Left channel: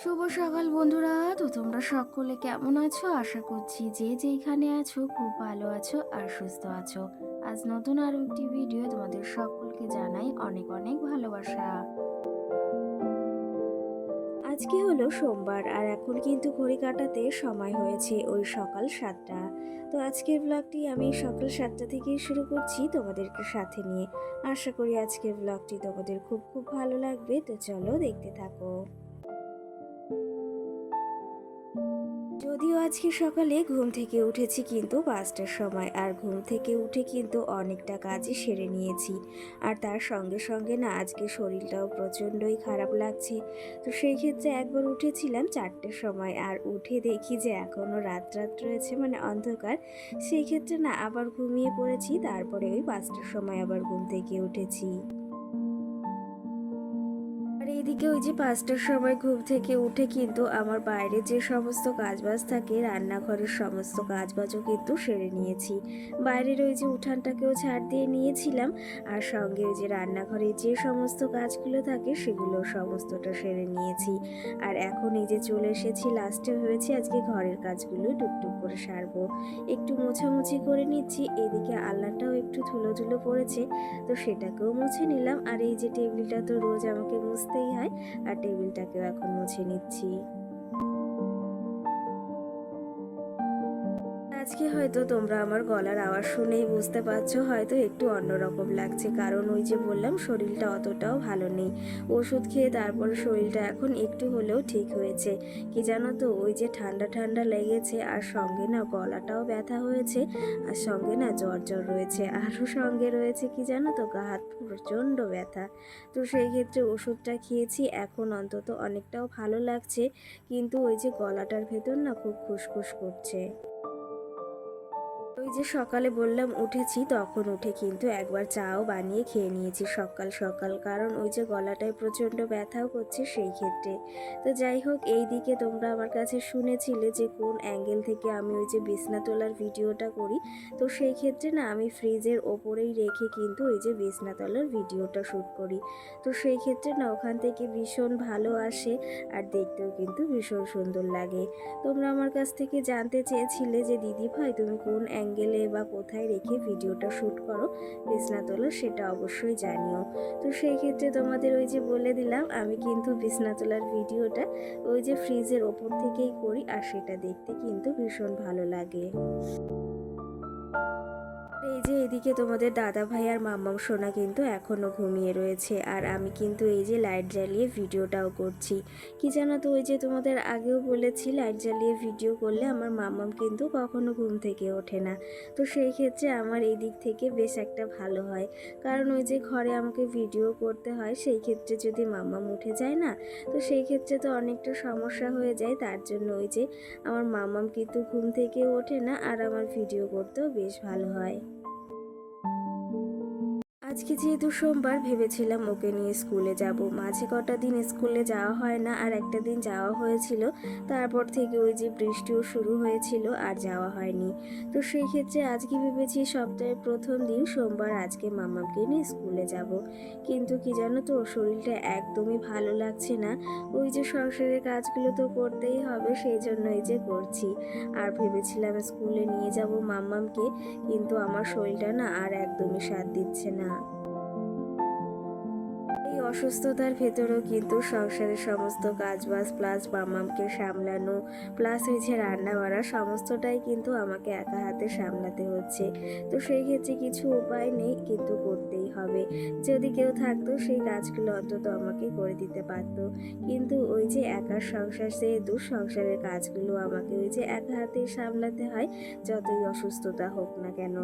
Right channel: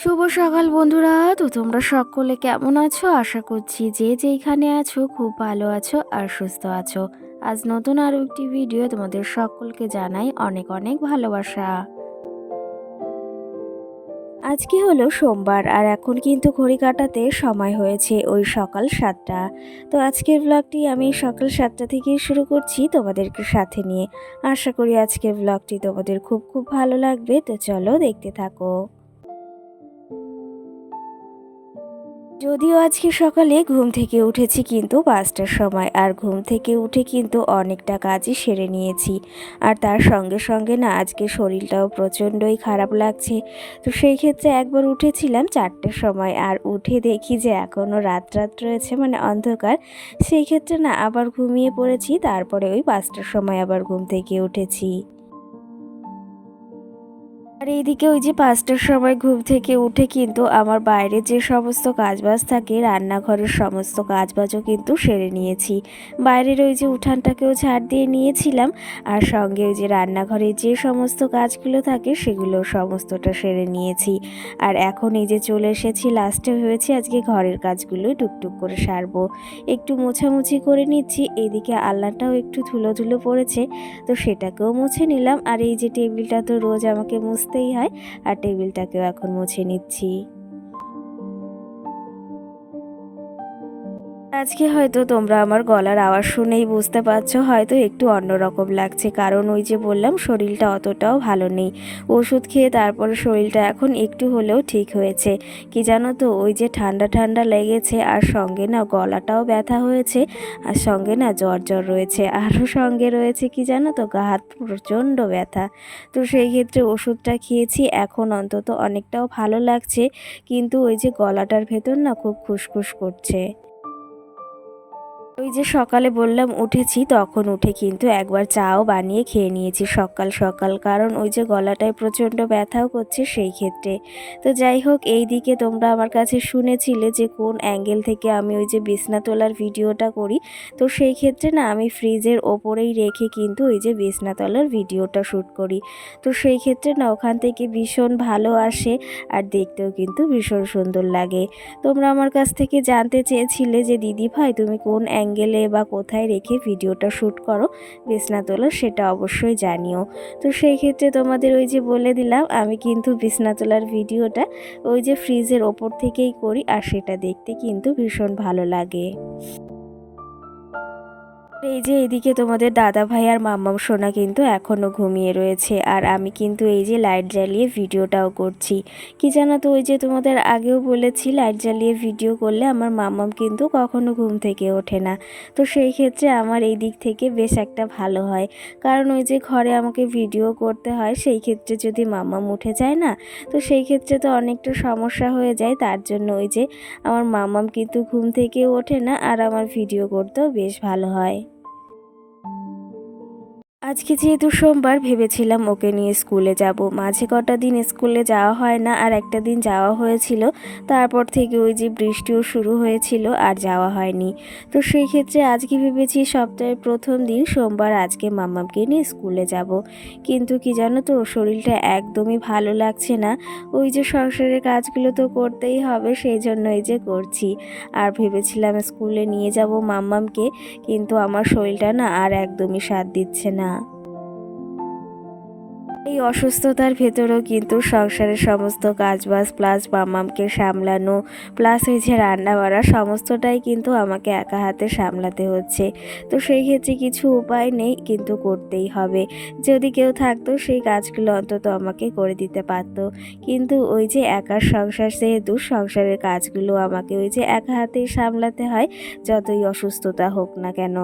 শুভ সকাল বন্ধুরা। তো তোমরা সকলে কেমন আছো? আশা করছি যে যেইখানে আছো খুব ভালো আছো আর সুস্থ আছো। আজ নতুন আরও একটি ভিডিও তোমাদের সকলকে জানাই অনেক অনেক ভালোবাসা। আজকে হলো সোমবার আর এখন কিন্তু ঘড়ি কাটাতে সময় হয়েছে ওই সকাল 7টা। তো আজকের ব্লগটি আমি সকাল 7টা থেকেই শুরু করছি তোমাদেরকে সাথে নিয়ে। আশা করি আজকের ব্লগটি তোমাদের খুব খুব ভালো লাগবে। তো চলো দেখতে থাকো। যদিও আজকে সকালে ঘুম থেকে উঠেছি কিন্তু 5টার সময়, আর ঘুম থেকে উঠে কিন্তু অনেকটা কাজই সেরে নিয়েছি। আর তার সঙ্গে সঙ্গে না আজকে শরীরটাও প্রচণ্ডই খারাপ লাগছে। তো সেই ক্ষেত্রে একবার উঠেছিলাম 4টের সময়, আর উঠে দেখি যে এখনও রাত রাত রয়েছে, মানে অন্ধকার। সেই ক্ষেত্রে না আবার ঘুমিয়ে পড়েছি, তারপরে ওই 5টার সময় আবার ঘুম থেকে উঠেছি। আর এইদিকে ওই যে 5টার সময় ঘুম থেকে উঠে কিন্তু আমার বাইরে যে সমস্ত কাজবাজ থাকে, রান্নাঘরের সমস্ত কাজবাজও কিন্তু সেরে নিয়েছি। বাইরের ওই যে উঠানটাকেও ঝাড় দিয়ে নিয়েছিলাম, আর সঙ্গে ওই যে রান্নাঘরে যে সমস্ত কাজগুলো থাকে সেগুলো সমস্তটা সেরে নিয়েছি। আর এখন এই যে চলে এসেছি লাস্টে, ভেবেছি আজকে ঘরের কাজগুলোই টুকটুক করে সারবো। একটু মোছামুছি করে নিচ্ছি, এইদিকে আলনাটাও একটু ধুলো ধুলো পড়েছে, তো সেটাকেও মুছে নিলাম। আর এই যে টেবিলটা তো রোজ আমাকে মুছতেই হয়, আর টেবিলটাকেও এখন মুছে নিচ্ছি। আজকে হয়তো তোমরা আমার গলার আওয়াজ শুনেই বুঝতে পারছো হয়তো একটু অন্যরকম লাগছে, কারণ ওই যে বললাম শরীরটা অতটাও ভালো নেই। ওষুধ খেয়ে তারপরে শরীরটা এখন একটু হলেও ঠিক হয়েছে। কি জানো তো, ওই যে ঠান্ডা ঠান্ডা লেগেছে, আর সঙ্গে না গলাটাও ব্যথা হয়েছে, আর সঙ্গে না জ্বর জ্বর রয়েছে, আরও সঙ্গে রয়েছে কি জানো তো, গা হাত প্রচণ্ড ব্যথা। তো সেই ক্ষেত্রে ওষুধটা খেয়েছি, এখন অন্তত অনেকটাও ভালো লাগছে, কিন্তু ওই যে গলাটার ভেতর না খুব খুসখুস করছে। ওই যে সকালে বললাম উঠেছি, তখন উঠে কিন্তু একবার চাও বানিয়ে খেয়ে নিয়েছি সকাল সকাল, কারণ ওই যে গলাটায় প্রচণ্ড ব্যথাও করছে সেই ক্ষেত্রে। তো যাই হোক, এই দিকে তোমরা আমার কাছে শুনেছিলে যে কোন অ্যাঙ্গেল থেকে আমি ওই যে বিছনা তোলার ভিডিওটা করি। তো সেই ক্ষেত্রে না আমি ফ্রিজের ওপরেই রেখে কিন্তু ওই যে বিছনা তোলার ভিডিওটা শ্যুট করি। তো সেই ক্ষেত্রে না ওখান থেকে ভীষণ ভালো আসে, আর দেখতেও কিন্তু ভীষণ সুন্দর লাগে। তোমরা আমার কাছ থেকে জানতে চেয়েছিলে যে দিদি ভাই তুমি কোন অ্যাঙ্গেলে বা কোথায় রেখে ভিডিওটা শ্যুট করো বিছনা তোলার, সেটা অবশ্যই জানিও। তো সেই ক্ষেত্রে তোমাদের ওই যে বলে দিলাম, আমি কিন্তু বিছনা তোলার ভিডিওটা ওই যে ফ্রিজের ওপর থেকেই করি, আর সেটা দেখতে কিন্তু ভীষণ ভালো লাগে। এই যে এদিকে তোমাদের দাদা ভাই আর মাম্মাম সোনা কিন্তু এখনও ঘুমিয়ে রয়েছে, আর আমি কিন্তু এই যে লাইট জ্বালিয়ে ভিডিওটাও করছি। কি জানো তো, ওই যে তোমাদের আগেও বলেছি লাইট জ্বালিয়ে ভিডিও করলে আমার মাম্মাম কিন্তু কখনো ঘুম থেকে ওঠে না। তো সেই ক্ষেত্রে আমার এই দিক থেকে বেশ একটা ভালো হয়, কারণ ওই যে ঘরে আমাকে ভিডিও করতে হয়, সেই ক্ষেত্রে যদি মাম্মাম উঠে যায় না, তো সেই ক্ষেত্রে তো অনেকটা সমস্যা হয়ে যায়। তার জন্য ওই যে আমার মাম্মাম কিন্তু ঘুম থেকে ওঠে না, আর আমার ভিডিও করতেও বেশ ভালো হয়। আজকে যেহেতু সোমবার, ভেবেছিলাম ওকে নিয়ে স্কুলে যাব। মাঝে কটা দিন স্কুলে যাওয়া হয় না, আর একটা দিন যাওয়া হয়েছিল, তারপর থেকে ওই যে বৃষ্টিও শুরু হয়েছিল আর যাওয়া হয়নি। তো সেই ক্ষেত্রে আজকে ভেবেছি সপ্তাহের প্রথম দিন সোমবার আজকে মাম্মামকে নিয়ে স্কুলে যাব। কিন্তু কি জানো তো, শরীরটা একদমই ভালো লাগছে না। ওই যে সংসারের কাজগুলো তো করতেই হবে, সেই জন্যই যে করছি। আর ভেবেছিলাম স্কুলে নিয়ে যাব মাম্মামকে, কিন্তু আমার শরীরটা না আর একদমই সাথ দিচ্ছে না। এই অসুস্থতার ভেতরেও কিন্তু সংসারের সমস্ত কাজবাজ প্লাস মামামকে সামলানো, প্লাস ওই যে রান্না বাড়া সমস্তটাই কিন্তু আমাকে একা হাতে সামলাতে হচ্ছে। তো সেই ক্ষেত্রে কিছু উপায় নেই, কিন্তু করতেই হবে। যদি কেউ থাকতো সেই কাজগুলো অন্তত আমাকে করে দিতে পারতো, কিন্তু ওই যে একার সংসার, যেহেতু সংসারের কাজগুলো আমাকে ওই যে একা হাতেই সামলাতে হয়, যতই অসুস্থতা হোক না কেন।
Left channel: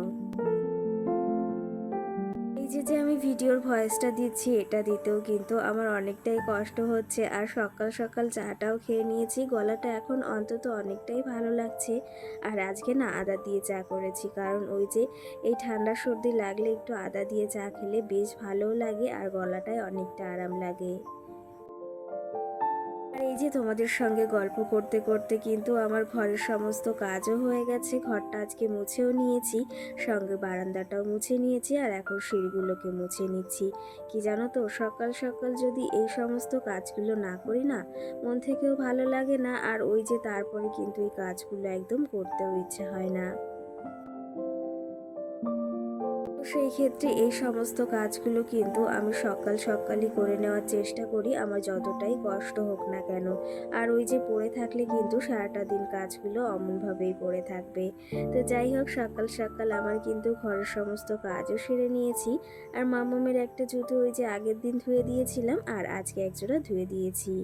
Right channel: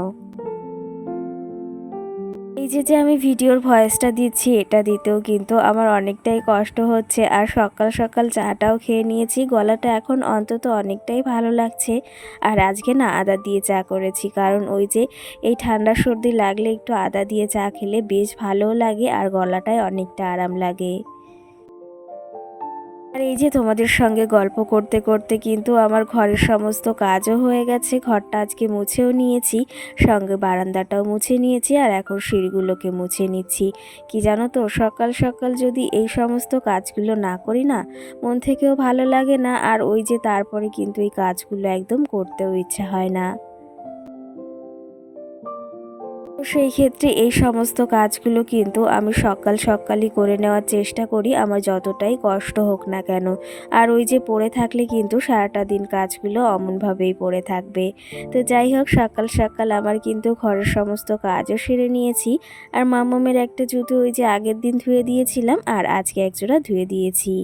এই যে আমি ভিডিওর ভয়েসটা দিচ্ছি, এটা দিতেও কিন্তু আমার অনেকটাই কষ্ট হচ্ছে। আর সকাল সকাল চাটাও খেয়ে নিয়েছি, গলাটা এখন অন্তত অনেকটাই ভালো লাগছে। আর আজকে না আদা দিয়ে চা করেছি, কারণ ওই যে এই ঠান্ডা সর্দি লাগলে একটু আদা দিয়ে চা খেলে বেশ ভালোও লাগে, আর গলাটায় অনেকটা আরাম লাগে। আর এই যে তোমাদের সঙ্গে গল্প করতে করতে কিন্তু আমার ঘরের সমস্ত কাজও হয়ে গেছে। ঘরটা আজকে মুছেও নিয়েছি, সঙ্গে বারান্দাটাও মুছে নিয়েছি, আর এখন সিঁড়িগুলোকে মুছে নিচ্ছি। কি জানো তো, সকাল সকাল যদি এই সমস্ত কাজগুলো না করি না, মন থেকেও ভালো লাগে না, আর ওই যে তারপরে কিন্তু এই কাজগুলো একদম করতেও ইচ্ছা হয় না। তো সেই ক্ষেত্রে এই সমস্ত কাজগুলো কিন্তু আমি সকাল সকালই করে নেওয়ার চেষ্টা করি, আমার যতটাই কষ্ট হোক না কেন। আর ওই যে পড়ে থাকলে কিন্তু সারাটা দিন কাজগুলো অমনভাবেই পড়ে থাকবে। তো যাই হোক, সকাল সকাল আমার কিন্তু ঘরের সমস্ত কাজও সেরে নিয়েছি। আর মাম্মামের একটা জুতো ওই যে আগের দিন ধুয়ে দিয়েছিলাম, আর আজকে একজোড়া ধুয়ে দিয়েছি।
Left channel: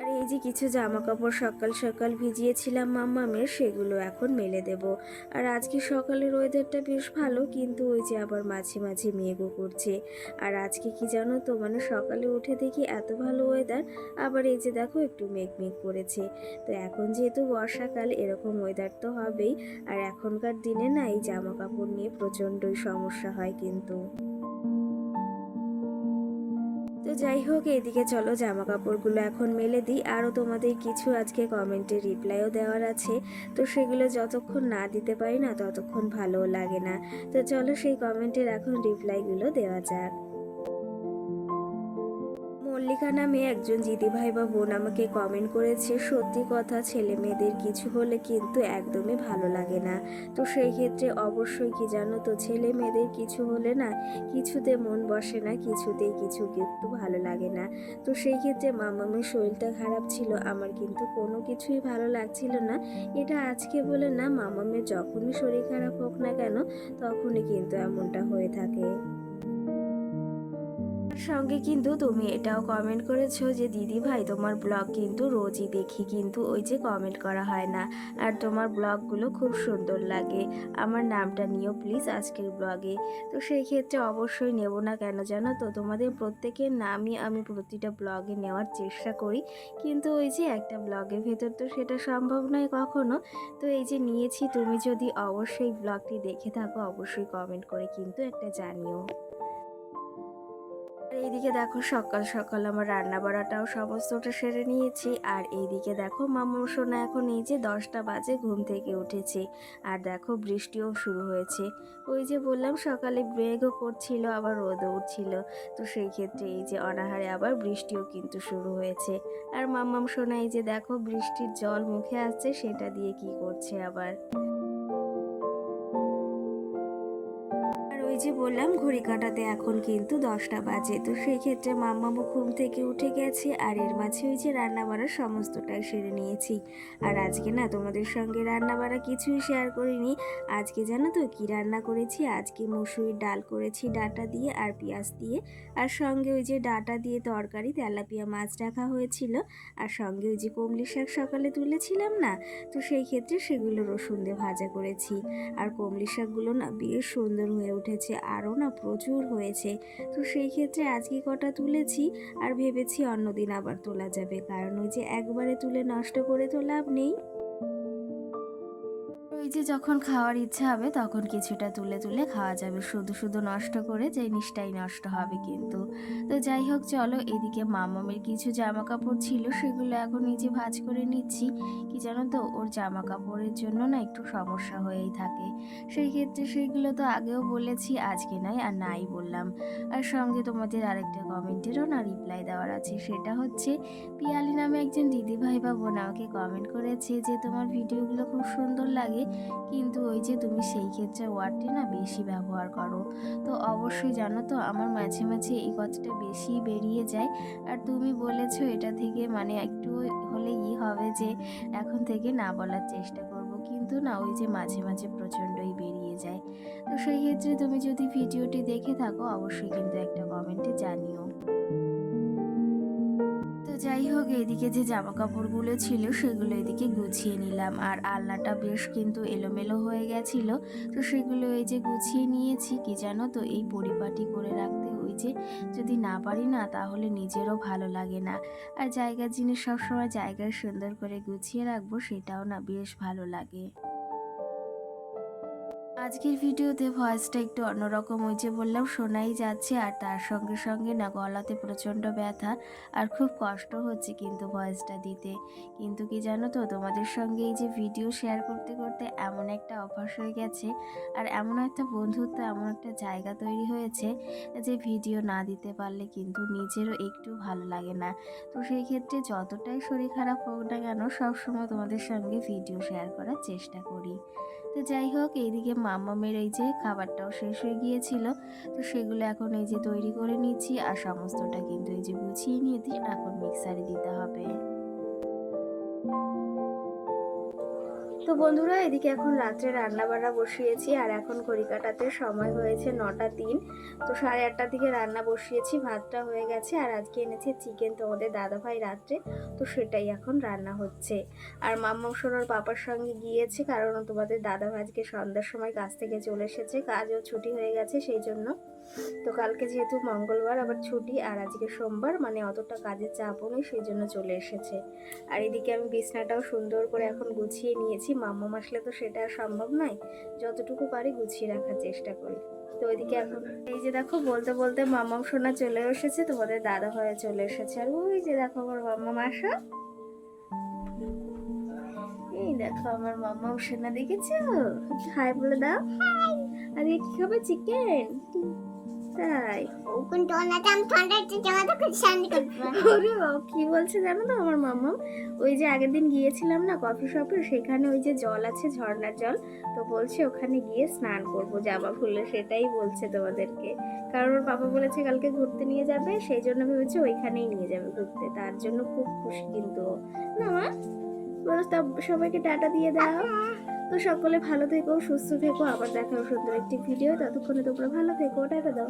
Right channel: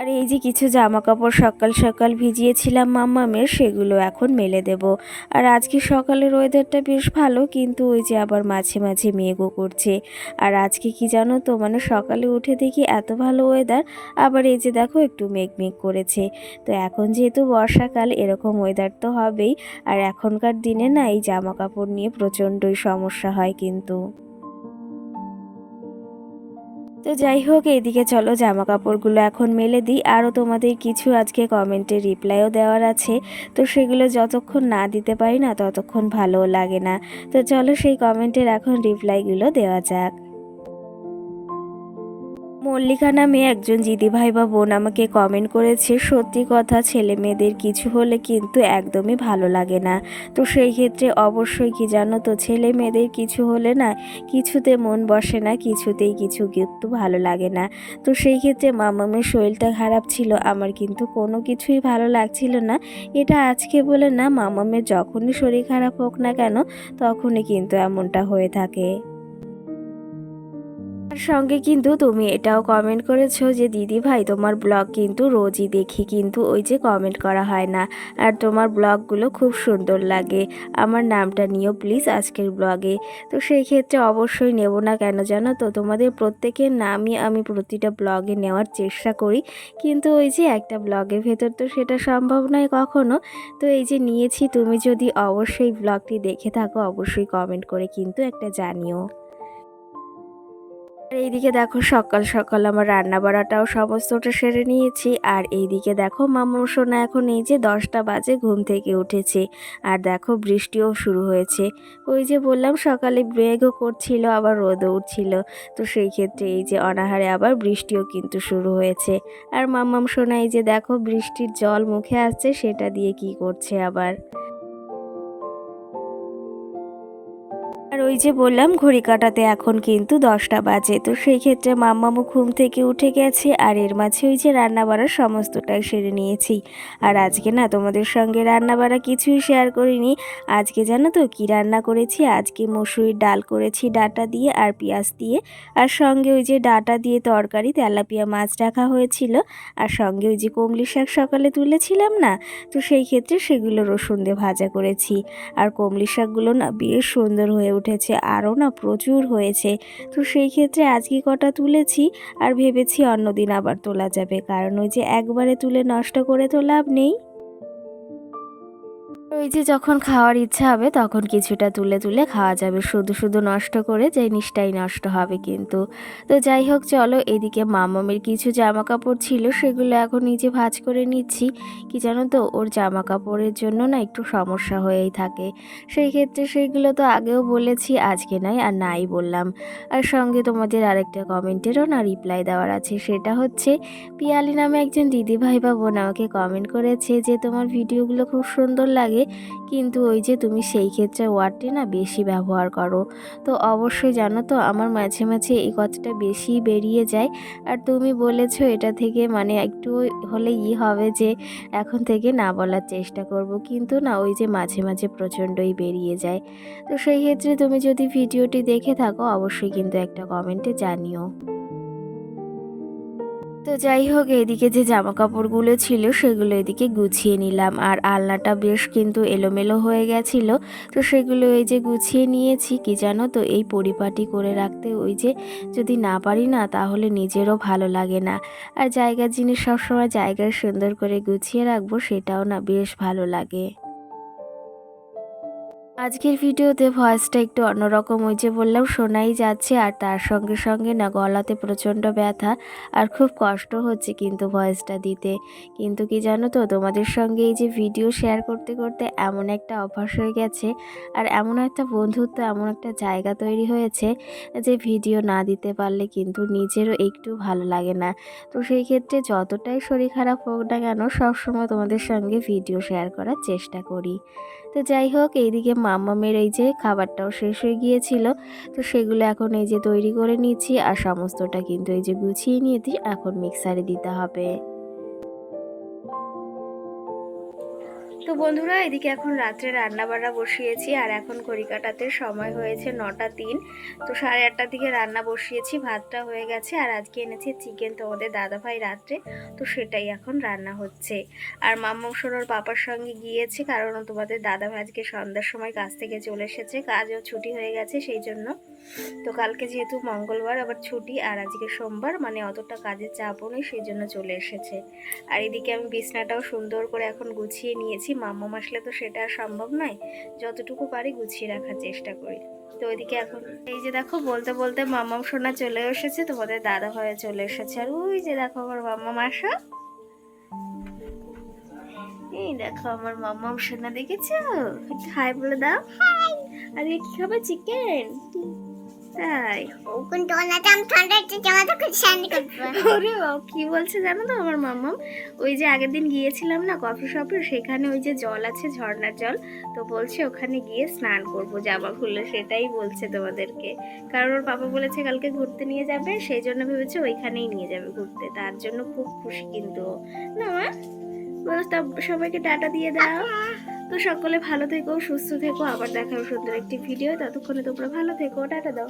আর এই যে কিছু জামা কাপড় সকাল সকাল ভিজিয়েছিলাম মাম্মামের, সেগুলো এখন মেলে দেব। আর আজকে সকালের ওয়েদারটা বেশ ভালো, কিন্তু ওই যে আবার মাঝে মাঝে মেঘও করছে। আর আজকে কি জানো তো, মানে সকালে উঠে দেখি এত ভালো ওয়েদার, আবার এই যে দেখো একটু মেঘ মেঘ করেছে। তো এখন যেহেতু বর্ষাকাল, এরকম ওয়েদার তো হবেই। আর এখনকার দিনে না এই জামা কাপড় নিয়ে প্রচণ্ডই সমস্যা হয় কিন্তু। তো যাই হোক, এইদিকে চলো জামা কাপড়গুলো এখন মেলে দিই। আরও তোমাদের কিছু আজকে কমেন্টে রিপ্লাইও দেওয়ার আছে, তো সেগুলো যতক্ষণ না দিতে পারি না ততক্ষণ ভালোও লাগে না। তো চলো সেই কমেন্টের এখন রিপ্লাইগুলো দেওয়া যাক। মল্লিকা নামে একজন দিদিভাই বা বোন আমাকে কমেন্ট করেছে, সত্যি কথা, ছেলে মেয়েদের কিছু হলে কিন্তু একদমই ভালো লাগে না। তো সেই ক্ষেত্রে অবশ্যই কি জানো তো, ছেলে মেয়েদের কিছু হলে না কিছুতে মন বসে না, কিছুতেই কিছু কিন্তু ভালো লাগে না। তো সেই ক্ষেত্রে মামামের শরীরটা খারাপ ছিল, আমার কিন্তু কোনো কিছুই ভালো লাগছিল না। এটা আজকে বলে না, মামামের যখনই শরীর খারাপ হোক না কেন তখনই কিন্তু এমনটা হয়ে থাকে। তার সঙ্গে কিন্তু তুমি এটাও কমেন্ট করেছো যে দিদি ভাই, তোমার ব্লগ কিন্তু রোজই দেখি, কিন্তু ওই যে কমেন্ট করা হয় না। আর তোমার ব্লগগুলো খুব সুন্দর লাগে, আমার নামটা নিও প্লিজ আজকের ব্লগে। তো সেই ক্ষেত্রে অবশ্যই নেব না কেন জানো তো, তোমাদের প্রত্যেকের নামই আমি প্রতিটা ব্লগে নেওয়ার চেষ্টা করি, কিন্তু ওই যে একটা ব্লগের ভেতর তো সেটা সম্ভব নয় কখনো। তো এই যে নিয়েছি, তুমি যদি অবশ্যই ব্লগটি দেখে থাকো অবশ্যই কমেন্ট করে কিন্তু একটা জানিও। আর এইদিকে দেখো সকাল সকাল আমার রান্না বাড়াটাও সমস্তটা সেরে নিয়েছি। আর এইদিকে দেখো মামু সোনা এখন এই যে 10টা বাজে ঘুম থেকে উঠেছে, আর দেখো বৃষ্টিও শুরু হয়েছে। ওই যে বললাম সকালে মেঘও করছিল আবার রোদও উঠছিল, তো সেই ক্ষেত্রে এই যে অনাহারে আবার বৃষ্টিও কিন্তু শুরু হয়েছে। আর মাম্মাম সোনা এই যে দেখো বৃষ্টির জল মুখে আসছে, সেটা দিয়ে কি করছে আবার। আর ওই যে বললাম ঘড়ি কাঁটাতে এখন কিন্তু 10টা বাজে, তো সেই ক্ষেত্রে মাম্মামু ঘুম থেকে উঠে গেছে, আর এর মাঝে ওই যে রান্না বাড়ার সমস্তটাই সেরে নিয়েছি। আর আজকে না তোমাদের সঙ্গে রান্না বাড়া কিছুই শেয়ার করিনি। আজকে জানো তো কি রান্না করেছি, আজকে মসুরির ডাল করেছি ডাঁটা দিয়ে আর পেঁয়াজ দিয়ে, আর সঙ্গে ওই যে ডাঁটা দিয়ে তরকারি তেলাপিয়া মাছ রাখা হয়েছিল, আর সঙ্গে ওই যে কমলি শাক সকালে তুলেছিলাম না, তো সেই ক্ষেত্রে সেগুলো রসুন দিয়ে ভাজা করেছি। আর কমলি শাকগুলো না বেশ সুন্দর হয়ে উঠেছে, আরও না প্রচুর হয়েছে। তো সেই ক্ষেত্রে আজকে কটা তুলেছি, আর ভেবেছি অন্যদিন আবার তোলা যাবে, কারণ ওই যে একবারে তুলে নষ্ট করে তো লাভ নেই। ওই যে যখন খাওয়ার ইচ্ছা হবে তখন কিছুটা তুলে তুলে খাওয়া যাবে, শুধু শুধু নষ্ট করে জিনিসটাই নষ্ট হবে কিন্তু। তো যাই হোক চলো, এদিকে মামামের কিছু জামা কাপড় ছিল সেগুলো এখন নিজে ভাঁজ করে নিচ্ছি। কি জানো তো, ওর জামা কাপড়ের জন্য না একটু সমস্যা হয়েই থাকে, সেই ক্ষেত্রে সেইগুলো তো আগেও বলেছি, আজকে নয় আর নাই বললাম। আর সঙ্গে তোমাদের আরেকটা কমেন্টেরও না রিপ্লাই দেওয়ার আছে, সেটা হচ্ছে পিয়ালি নামে একজন দিদিভাই বা বোন আমাকে কমেন্ট করেছে যে তোমার ভিডিওগুলো খুব সুন্দর লাগে, কিন্তু ওই যে তুমি সেই ক্ষেত্রে ওয়ার্ডটি না বেশি ব্যবহার করো। তো অবশ্যই জানো তো, আমার মাঝে মাঝে এই কথাটা বেশি বেরিয়ে যায়। আর তুমি বলেছো এটা থেকে মানে একটু হলে হবে যে এখন থেকে না বলার চেষ্টা করব, কিন্তু না ওই যে মাঝে মাঝে প্রচণ্ডই বেরিয়ে যায়। তো সেই ক্ষেত্রে তুমি যদি ভিডিওটি দেখে থাকো অবশ্যই কিন্তু একটা কমেন্টে জানিও। তো যাই হোক, এদিকে যে জামা কাপড়গুলো ছিল সেগুলো এদিকে গুছিয়ে নিলাম, আর আলনাটা বেশ কিন্তু এলোমেলো হয়ে গেছিল, তো সেগুলো এই যে গুছিয়ে নিয়েছি। কি জানো তো, এই পরিপাটি করে রাখতে ওই যে যদি না পারি না তাহলে নিজেরও ভালো লাগে না। আর জায়গার জিনিস সবসময় জায়গায় সুন্দর করে গুছিয়ে রাখবো, সেটাও না বেশ ভালো লাগে। আজকের ভিডিওতে ভয়েসটা একটু অন্যরকম, ওই যে বললাম শোনাই যাচ্ছে, আর তার সঙ্গে সঙ্গে না গলাতে প্রচণ্ড ব্যথা আর খুব কষ্ট হচ্ছে কিন্তু ভয়েসটা দিতে। কিন্তু কি জানো তো, তোমাদের সঙ্গে এই যে ভিডিও শেয়ার করতে করতে এমন একটা অভ্যাস হয়ে গেছে, আর এমন একটা বন্ধুত্ব, এমন একটা জায়গা তৈরি হয়েছে যে ভিডিও না দিতে পারলে কিন্তু নিজেরও একটু ভালো লাগে না। তো সেই ক্ষেত্রে যতটাই শরীর খারাপ হোক না কেন, সবসময় তোমাদের সঙ্গে ভিডিও শেয়ার করার চেষ্টা করি। তো যাই হোক, এইদিকে মাম্মামের এই যে খাবারটাও শেষ হয়ে গিয়েছিল, তো সেগুলো এখন এই যে তৈরি করে নিচ্ছি, আর সমস্তটা কিন্তু এই যে গুছিয়ে নিয়ে এখন মিক্সারে দিতে হবে। তো বন্ধুরা, এদিকে এখন রাত্রে রান্না বান্না বসিয়েছি, আর এখন ঘড়ি কাটাতে সময় হয়েছে 9টা 3। তো 8:30টার দিকে রান্না বসিয়েছি, ভাতটা হয়ে গেছে, আর আজকে এনেছে চিকেন তোমাদের দাদাভাই রাত্রে, তো সেটাই এখন রান্না হচ্ছে। আর মাম্মা সোনার পাপার সঙ্গে গিয়েছে, কারণ তোমাদের দাদাভাই আজকে সন্ধ্যার সময় কাজ থেকে চলে এসেছে, কাজও ছুটি হয়ে গেছে সেই জন্য। তো কালকে যেহেতু মঙ্গলবার আবার ছুটি, আর আজকে সোমবার, মানে অতটা কাজের চাপও নেই, সেই জন্য চলে এসেছে। আর এদিকে আমি বিছনাটাও সুন্দর করে এখন গুছিয়ে নিয়েছি, মাম্মা আসলে তো সেটা আর সম্ভব নয়, যতটুকু পারি গুছিয়ে রাখার চেষ্টা করি। তো ওইদিকে এখন এই যে দেখো, বলতে বলতে মাম্মাম সোনা চলে এসেছে, তোমাদের দাদা হয়ে চলে এসেছে, আর ওই যে দেখো আমার মাম্মাম আসা, এই দেখো আমার মাম্মাম সোনা, দেখেছো? একটু হাই বলে দাও। আর কি খাবে? চিকেন? তাই? ওরে কি বলছে জানো তো আমার মাম্মাম, ওই যে আগের দিন গিয়েছিলাম না কফি শপে, সেখানে ওই যে জল আছে, ঝর্ণার জল, তো বলছে ওখানে গিয়ে স্নান করবো জামা খুললে, সেটাই বলছে তোমাদেরকে। কারণ ওর পাপা বলেছে কালকে ঘুরতে নিয়ে যাবে, সেই জন্য ভেবেছে ওইখানেই নিয়ে যাবে ঘুরতে, তার জন্য খুব খুশি কিন্তু। না মা, বলো সবাইকে টাটা দিয়ে দাও। তো সকলে ভালো থেকো, সুস্থ থেকো, আবার দেখাবো সুন্দর একটি ভিডিও, ততক্ষণে তোমরা ভালো থেকো, টাটা দাও।